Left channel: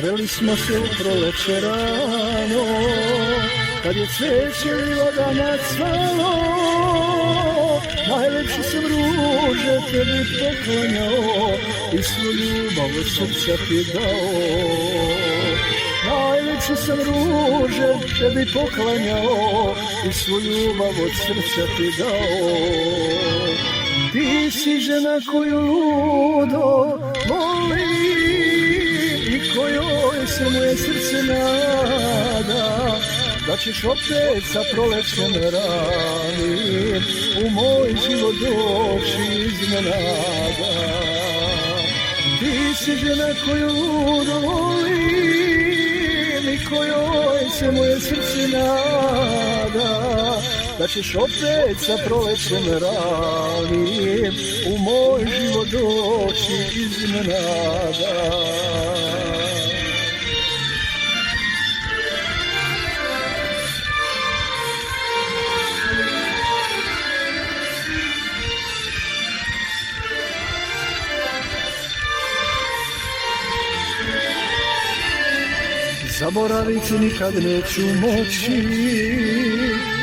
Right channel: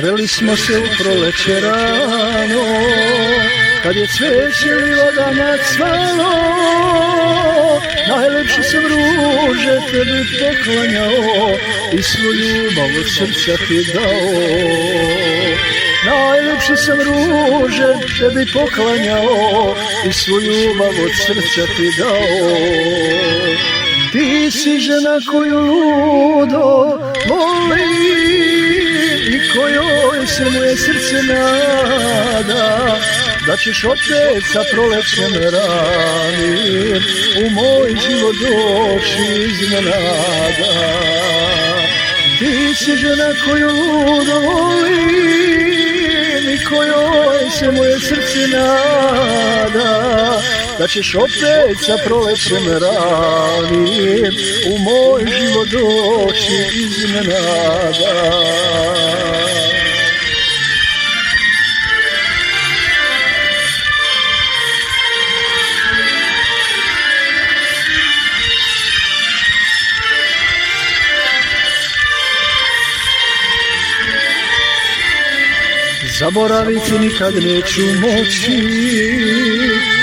Sreli smo se u proleće rano, kad je cveće i vodama cvalo. Najlepše sam ruže tebi poklanjao i svu ljubav od srca ti dao. Najlepše sam ruže tebi poklanjao i svu ljubav od srca ti dao. Ti si žena koju ludo voli i kojoj se moje srce nada, da ćeš opet sa prolećem ranim u moj život doći iznenada. Ti si žena koju ludo volim i kojoj se moje srce nada, da ćeš opet sa prolećem ranim u moj život doći iznenada. Zaboraviti nikad neću moći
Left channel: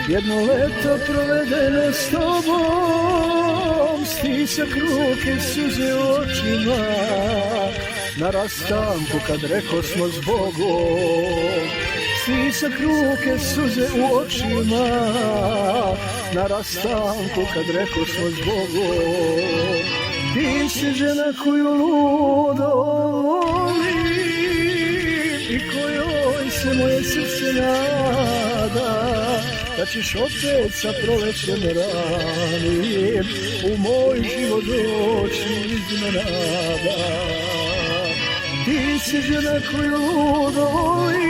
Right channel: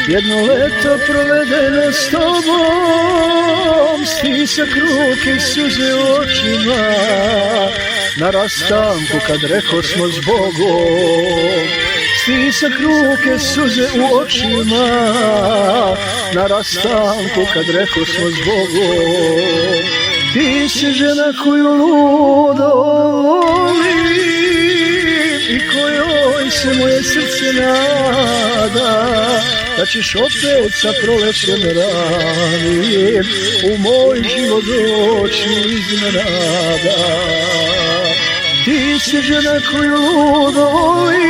jedno leto provedeno s tobom, stisak ruke i suze u očima na rastanku kad rekosmo s Bogom. Stisak ruke, suze u očima na rastanku kad rekosmo s Bogom. Ti si žena koju ludo volim i kojoj se moje srce nada, da ćeš opet sa prolećem ranim u moj život doći iznenada. Ti si žena koju ludo volim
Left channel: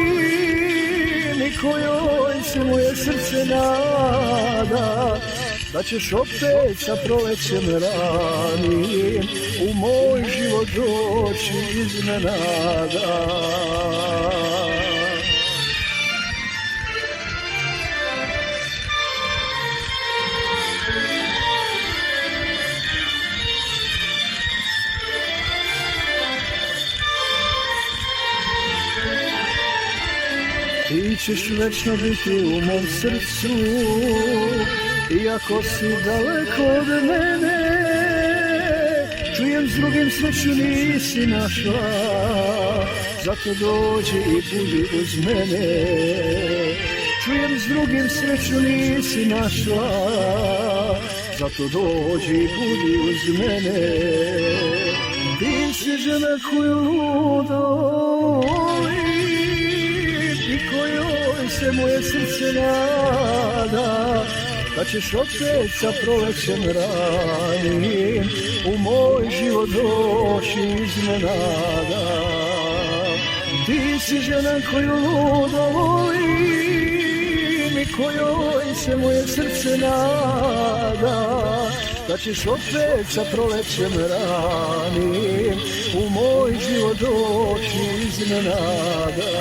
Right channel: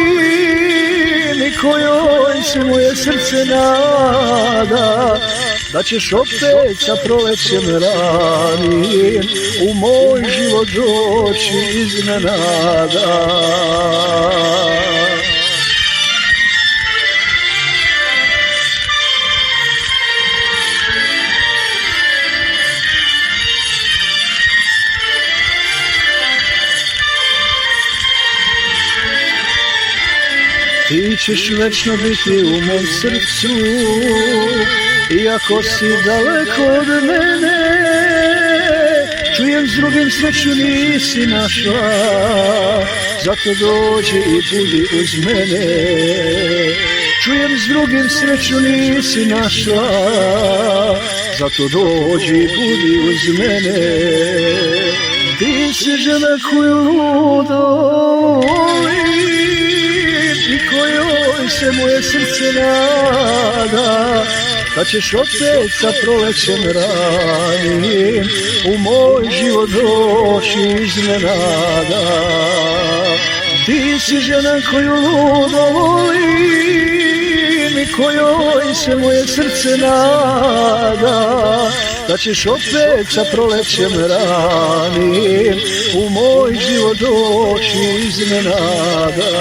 i kojoj se moje srce nada, da ćeš opet sa prolećem ranim u moj život doći iznenada. Ti ćeš večno biti u mom srcu, iako si daleko od mene. Čujem s drugim sreću nisi našla, zato dođi i budi uz mene. Čujem s drugim sreću nisi našla, zato dođi i budi uz mene. Ti si žena koju ludo volim i kojoj se moje srce nada, da ćeš opet sa prolećem ranim u moj život doći iznenada. Ti si žena koju ludo volim i kojoj se moje srce nada, da ćeš opet sa prolećem ranim u moj život doći iznenada.